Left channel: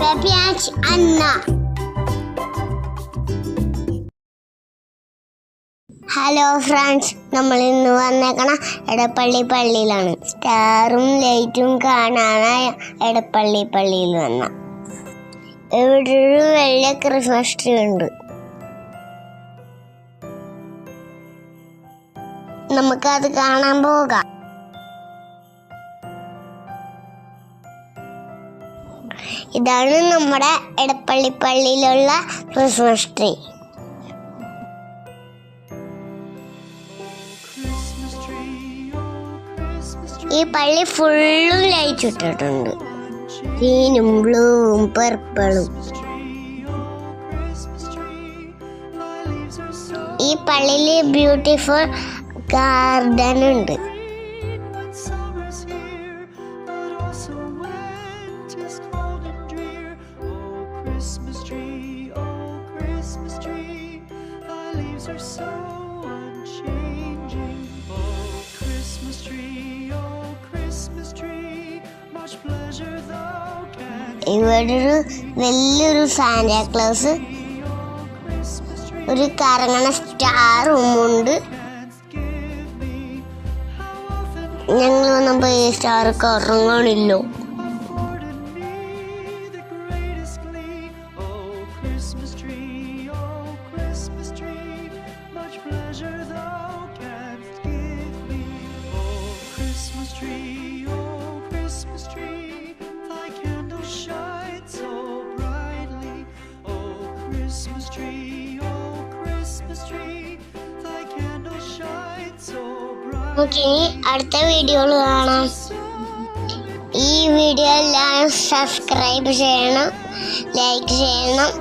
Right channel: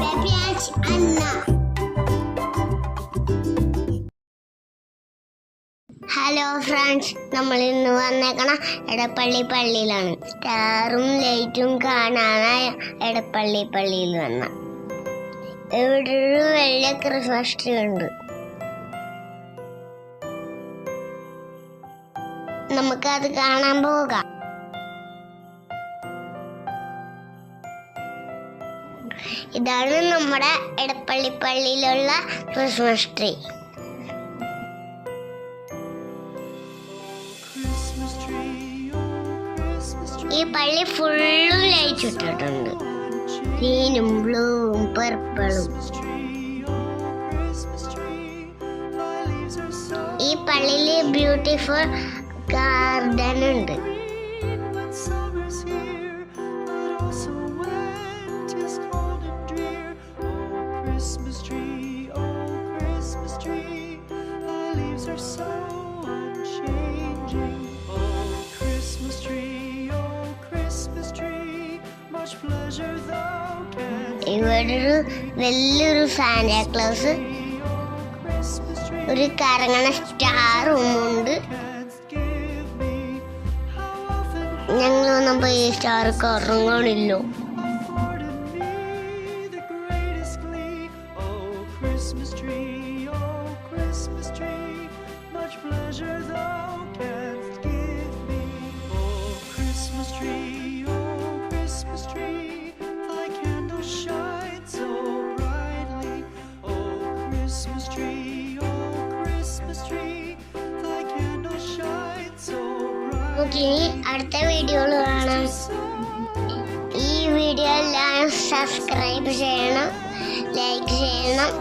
Pepiach Anna. Hello friends, നമ്മൾ ഇന്ന് വന്നേക്കണ എടപ്പള്ളി പള്ളിയിലാണ്. സ്റ്റാറും ലൈറ്റും കാണാനായി എടപ്പള്ളി പള്ളിയിൽ വന്ന ഇവിടെ ഒരു വലിയ ക്രിസ്മസ് ട്രീ ഉണ്ട്. നമുക്കത് കാണാൻ പോകാം. ഇതാണ് നമ്മുടെ എടപ്പള്ളി പള്ളിയിലുള്ള ക്രിസ്മസ് ട്രീ. ഈ പള്ളി ഫുള്ളും ലൈറ്റ് ഇട്ടിട്ടുണ്ട്. ഗ്രീനും ബ്ലൂവും പർപ്പിളും. ഈ പള്ളിയിൽ ബ്യൂട്ടിഫുൾ ഗാർഡൻ ഉണ്ട്. ഇവിടെ ഒരു വലിയൊരു സാന്റാക്ലോസ്, ഒരു കറങ്ങണ സ്റ്റാറും ഉണ്ട്. ഞങ്ങൾ വന്നപ്പോ ഈ സ്റ്റാർ കറങ്ങണില്ലോ. നമുക്ക് ഇനി അടുത്ത വീഡിയോയിൽ കാണാം. ഈ വീഡിയോ എല്ലാവരും സബ്സ്ക്രൈബ് ചെയ്യണം, ലൈക്ക് ചെയ്യണം.